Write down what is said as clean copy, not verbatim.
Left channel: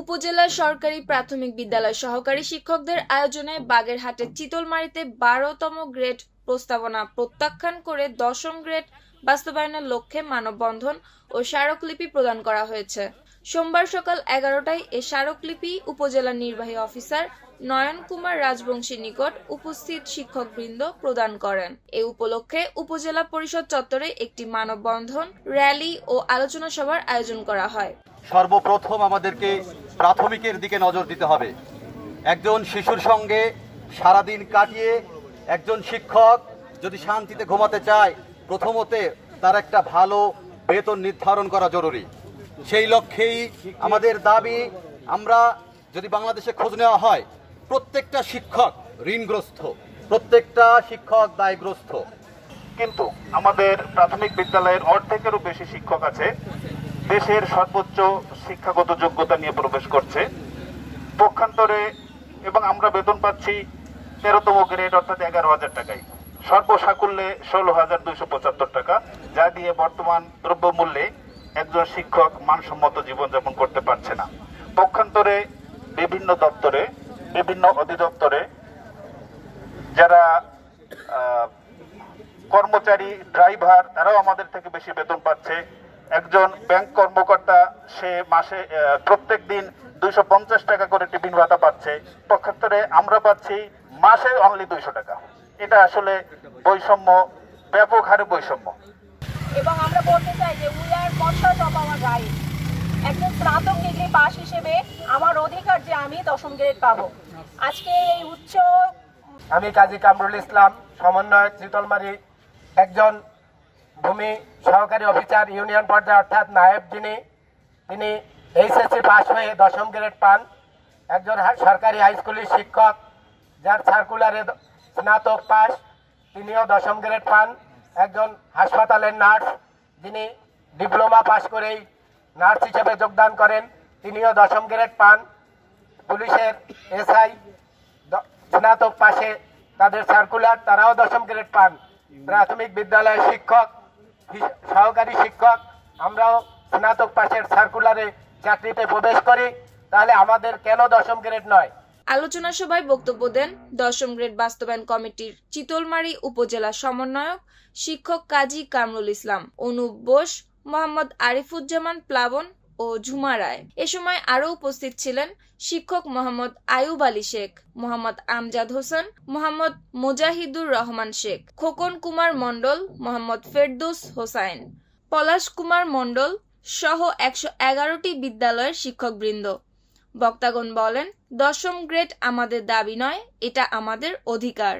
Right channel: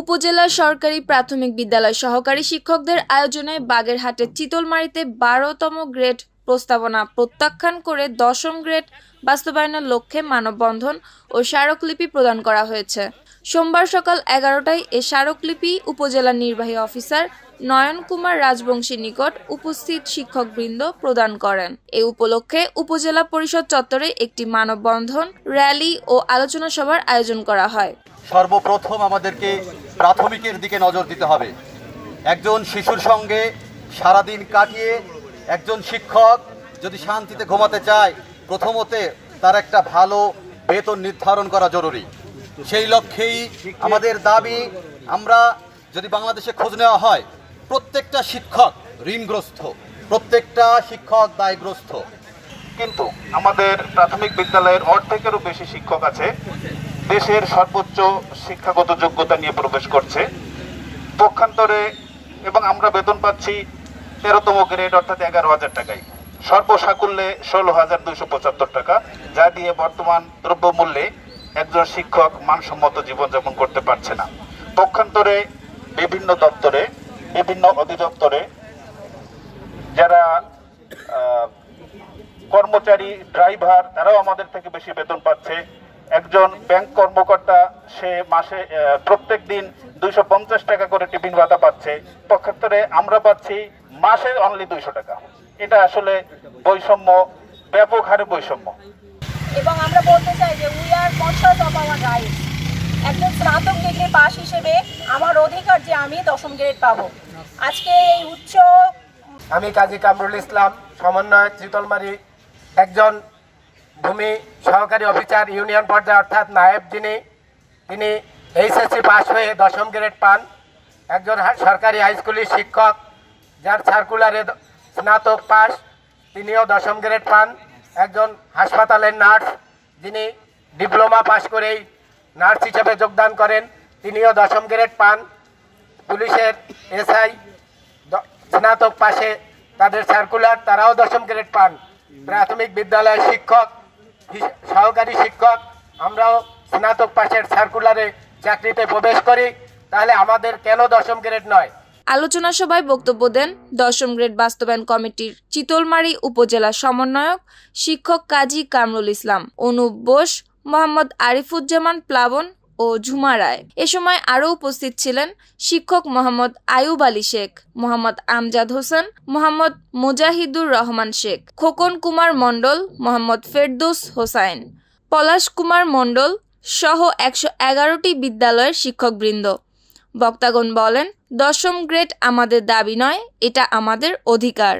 উপজেলা সরকারি প্রাথমিক বিদ্যালয় সহকারী শিক্ষকদের আয়োজনে বাগেরহাটের চিতলমারীতে ১২তম গ্রেড প্রস্তাবনা প্রত্যাখ্যান করে ১০ম গ্রেড বাস্তবায়নের লক্ষ্যে মানববন্ধন ও স্মারকলিপি প্রদান করা হয়েছে। সোমবার সকাল ১১টায় এ স্মারকলিপি উপজেলা নির্বাহী অফিসার নয়ন কুমার রাজবংশীর নিকট উপস্থিত শিক্ষকবৃন্দ প্রদান করেন। এ উপলক্ষে উপজেলা পরিষদ চত্বরে একটি মানববন্ধন, র্যালি ও আলোচনা সভার আয়োজন করা হয়। সর্বপ্রথম আমাদেরকে প্রাথমিকের দিকে নজর দিতে হবে। একজন শিশুর সঙ্গে সারাদিন কাটিয়ে একজন শিক্ষক যদি শান্তিতে ঘুমাতে চায়, প্রথমত তার একটা ভালো বেতন নির্ধারণ করা জরুরি। সেই লক্ষ্যেই আমাদের দাবি, আমরা যদি বাংলাদেশে খোঁজ নেওয়া হয়, প্রত্যেকটা শিক্ষক ঋণগ্রস্ত, প্রত্যেকটা শিক্ষক দায়গ্রস্ত। কিন্তু আমাদের প্রাথমিক বিদ্যালয়ের অর্ধেকেরও বেশি শিক্ষক আছে দেশের সর্বোচ্চ শিক্ষাগত যোগ্যতা নিয়ে প্রবেশ করছে পক্ষান্তরে, এবং আমরা বেতন পাচ্ছি 13তম গ্রেড অর্থাৎ 11,000 টাকায়, সর্বসাকুল্যে 16,275 টাকা, যা দিয়ে বর্তমান দ্রব্যমূল্যে একজন শিক্ষক মানসম্মত জীবনযাপন করতে পারছে না। পক্ষান্তরে বিভিন্ন দপ্তরে, বিভিন্ন অধিদপ্তরে যারা কর্মচারী, ড্রাইভার, তারাও আমাদের থেকে বেশি বেতন পাচ্ছে। একজন ব্যাংক কর্মকর্তা সে মাসে প্রত্যেক দিন 250 টাকা করে টিফিন ভাতা পাচ্ছে, পক্ষান্তরে আমরা পাচ্ছি মাসে অনলি 200 টাকা। এটা আসলে বৈষম্য, ব্যাপক হারে বৈষম্য। এবং আমরা বলতে চাই যে we are conscious of our rights. একজন স্নাতক ডিগ্রি পাস হিসেবে আমার অধিকার যে আমি 10ম গ্রেড পাবো। আজকে এই আমি কাজী কামরুল ইসলাম, সমন্বয়ক চিতলমারী, একজন ভূমি সহকারী অফিসার ইউনিয়ন পর্যায়ে অর্থাৎ নায়েব, তিনি এইচএসসি পাস হয়ে 10ম গ্রেড পান। একজন সরকারি হাই স্কুলের শিক্ষক যার সার্কুলারে স্নাতক পাস, তিনিও 10ম গ্রেড পান। একজন হাসপাতালের নার্স যিনি ডিপ্লোমা পাস করেই নার্স হিসেবে যোগদান করেন, তিনিও 10ম গ্রেড পান। পুলিশের এসআই স্নাতক পাশে তাদের সার্কুলার, তারাও 10ম গ্রেড পান। প্রাথমিক বিদ্যালয়ের শিক্ষক, সহকারী শিক্ষক, আমরাও স্নাতক পাশের সার্কুলারে চাকরিতে প্রবেশ করি, তাহলে আমাদের কেন 10ম গ্রেড নয়? আলোচনা সভায় বক্তব্য দেন 10ম গ্রেড বাস্তবায়ন কমিটির চিতলমারী উপজেলা সমন্বয়ক শিক্ষক কাজী কামরুল ইসলাম, অনুপ বোস, মোহাম্মদ আরিফুজ্জামান প্লাবন ও ঝুমা রায়। এ সময় আরও উপস্থিত ছিলেন শিক্ষক মোহাম্মদ আয়ুব আলী শেখ, মোহাম্মদ আমজাদ হোসেন, মোহাম্মদ মুজাহিদুর রহমান শেখ, খোকন কুমার মণ্ডল, মোহাম্মদ ফেরদৌস হোসাইন, পলাশ কুমার মণ্ডল সহ 111টি বিদ্যালয়ের শিক্ষকবৃন্দ। বক্তাগণ বলেন, 10ম গ্রেড আমাদের দাবি নয়, এটা আমাদের অধিকার।